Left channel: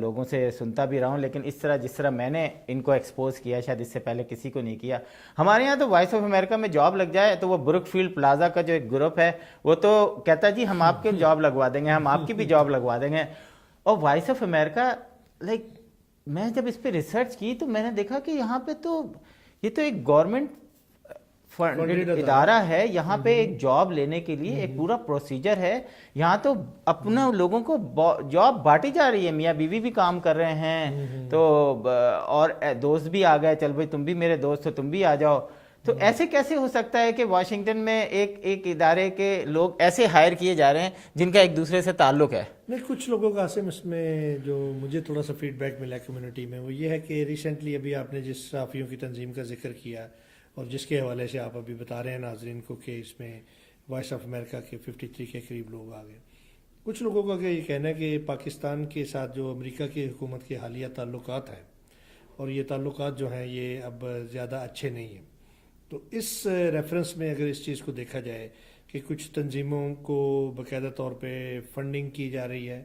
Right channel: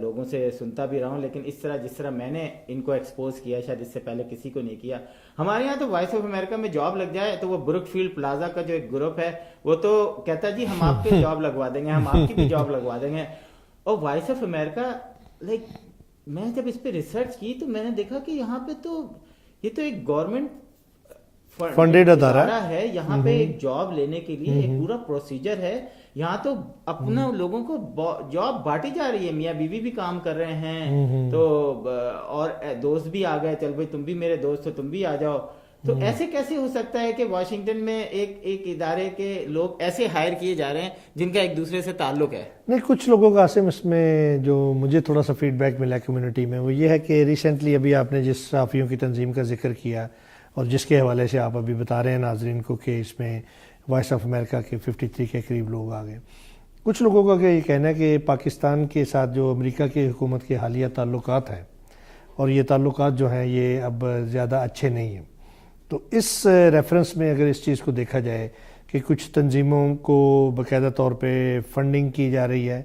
لوگوں سے سنتا بھی رہا ہوں، لیکن اس طرح جس طرح میں نے ان کو ایکسپوز کیا شاید اس سے پہلے کسی کو نہیں کیا. ہمارے یہاں تو وائس آف امریکہ میں جاب لگ جائے تو وہ بروک فیلڈ پلازا کا جو ایک گروپ ہے وہ تو کہتا ہے جی ہم آپ کی جاب لگوا دیں گے، ہم آپ کی بھی جاب لگوا دیں گے. اور وائس آف امریکہ لائک میں جب اس پہ ریسرچ کی تو میں نے دیکھا کہ یہاں پہ تو یہ تو ایک گورنمنٹ فنڈیڈ ادارہ ہے. یہاں پہ ایک جاب لینے کے لیے ایک پورا پروسیجر ہے. یہاں تو اپنا لوگوں کو جاب بانٹی جا رہی ہے، میاں بیوی بھی کام کر رہے ہیں تو اور دوست بھی آ گئے، چل بھائی تم بھی میرے دوست ہو تم بھی آ جاؤ. تو ایسے کیسے ہو سکتا ہے کہ واشنگٹن میں ایک ادارے کے لوگ ایسے ہائر کیے جا رہے ہیں جن کا ایک دوسرے سے تعلق ہے؟ نہیں، کچھ لوگوں کا عاصم اس میں جو مجھے تھوڑا سا فیڈ بیک ملا کمیونٹی میں وہ یہ ہے کہ ریسنٹلی ابھی آپ نے جس صحافیوں کی تنظیم کا ذکر کیا اور جس کے حوالے سے آپ ابھی بتا رہے ہیں ناظرین کو کہ اس میں وائس آف امریکہ کے 53 کے قریب لوگ آ گئے. کچھ لوگوں کا یہ کہنا ہے کہ پاکستان کے ساتھ جو امریکہ کی حکومت کے حالیہ تعلقات ہیں اور یہ تعلقات جو ہیں یہ اب زیادہ اچھے نہیں ہیں. تو اس ریفرنس میں اگر اس چیز کو دیکھا جائے کہ کچھ تنظیموں کو باقاعدہ طور پہ فنڈنگ کی جا رہی ہے.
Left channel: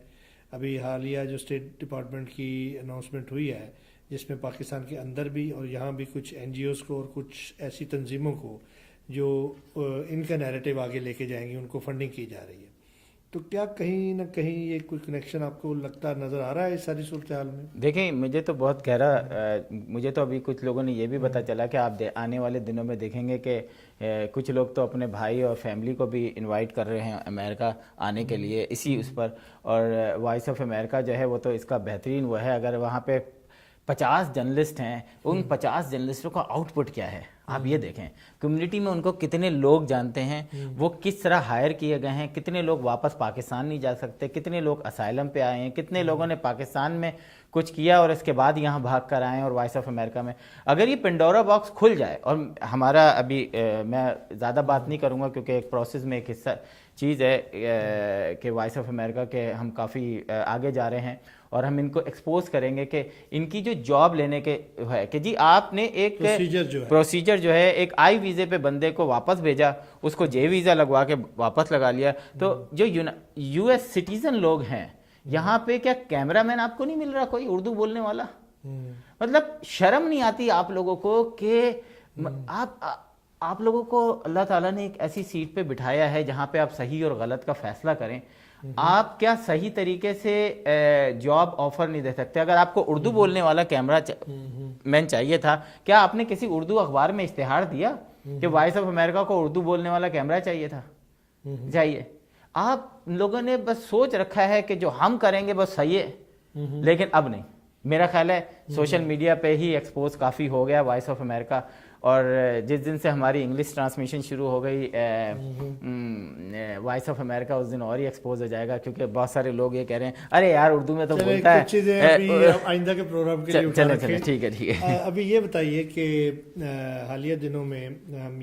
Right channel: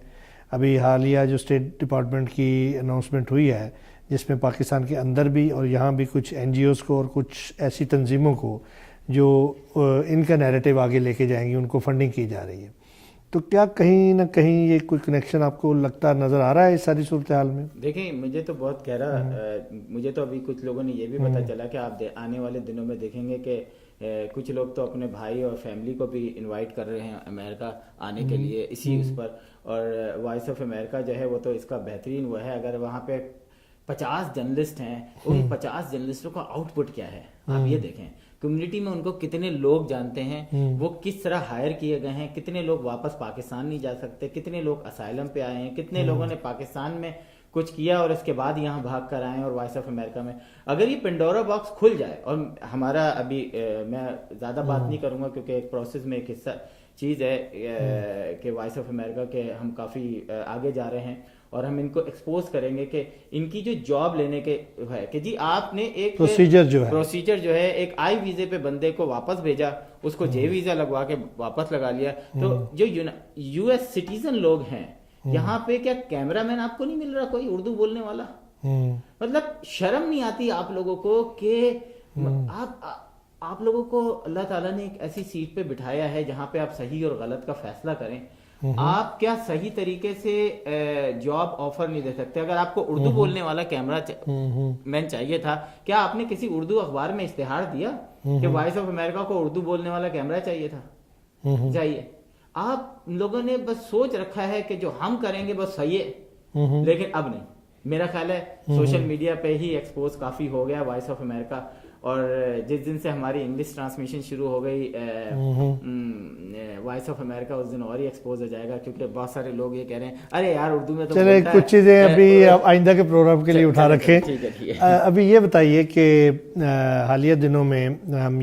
ابھی حالیہ جو اسٹیٹ ڈپارٹمنٹ کی اناؤنسمنٹ ہوئی ہے جس میں پاکستان کے اندر بھی اور یہاں بھی کچھ این جی اوز کو اور کچھ ایسی تنظیموں کو جو ان کا نیریٹو آگے لے کے جائیں گی ان کو فنڈنگ کی جا رہی ہے. تو کیا کہیں نہ کہیں یہ کوئی کنیکشن آپ کو لگتا نظر آ رہا ہے اس ساری صورتحال میں؟ دیکھیں مجھے تو بہت گہرا مجھے تو ابھی کچھ لوگوں نے یہ بھی پتہ چلا کہ آپ آنے والے دنوں میں دیکھیں گے کہ کچھ لوگ تو اپنے بھائی اور فیملی کو بھی انوائٹ کر رہے ہیں امریکہ آنے کے لیے اسی اس پر. اور وائس آف امریکہ جو ہے وہ تو اس کا بہترین وہ ہے. اگر وہاں پہ 50 جرنلسٹ ہیں ان 50 جرنلسٹوں کا آؤٹ پٹ کیا ہے آپ یہ دیکھیں. کمیونٹی میں ان کو کتنے لوگ جانتے ہیں، وہ کس طرح ہائر کیے گئے ہیں، کتنے لوگ واپس پاکستان نہیں جا سکتے، کتنے لوگ اسائلم پہ آئے ہیں، کتنے لوگوں نے پاکستان میں کچھ کیا اور اس کے بعد یہاں بھاگ کر آئے اور وائس آف امریکہ میں. اگر یہ پنڈورا باکس کھل جائے اور ہمارا ابھی میں زیادہ بات نہیں کروں گا کیونکہ ایک پروسیس میں ایک حصہ چیز ہے کہ وائس آف امریکہ کے ہم کافی آگے جا رہے ہیں اور ہم ان کو ایکسپوز کریں گے کہ ان کی جو جاب لینے کے ہے کہ جی آپ نے ایک پروسیجر جو ہے ایک آئی ویزے پہ بندے کو واپس بھیجا، اس کو جے ویزا لگوا کے واپس لگا لیا. تو جو یو ایس سٹیزن لوگ ہیں یہاں پہ کیا کیمرہ مین آپ کو نہیں مل رہا کوئی اردو بولنے والا؟ مطلب شرم نہیں آتی آپ لوگوں کو کہ آپ لوگوں کو اللہ تعالیٰ نے ایک ایسی سیٹ پہ بٹھایا ہے جہاں پہ آپ صحیح اور غلط کا فیصلہ کریں. آپ کیا صحیح طریقے سے جاب آفر نہیں دے سکتے؟ اگر آپ کو اردو بولنے والا کیمرہ مین چاہیے تھا، کیا آپ نے کسی اردو اخبار میں اشتہار دیا کہ وائس آف امریکہ کو اردو بولنے والا کیمرہ چاہیے تھا؟ چاہیے. آپ لوگوں نے بس سوچ رکھا ہے کہ جو ہم کریں گے بس صحیح ہے، لیکن اب نہیں. میرا خیال ہے سوشل میڈیا پہ ہی ایکسپوز کافی ہو گیا وائس آف امریکہ. اور جس دن سے ہماری انگلش ٹرانسمیشن شروع ہو گئی وائس آف امریکہ اس دن اور ہی ایکسپوز ہو جائے گا کیونکہ بہت سارے لوگ یہ کہہ رہے ہیں ارے یار اردو میں تو چلیں کچھ چیزیں ابھی آئندہ کے پروگرام کے لیے اٹھا رکھیں. ابھی یہ بتائیے کہ حالیہ دنوں میں ہم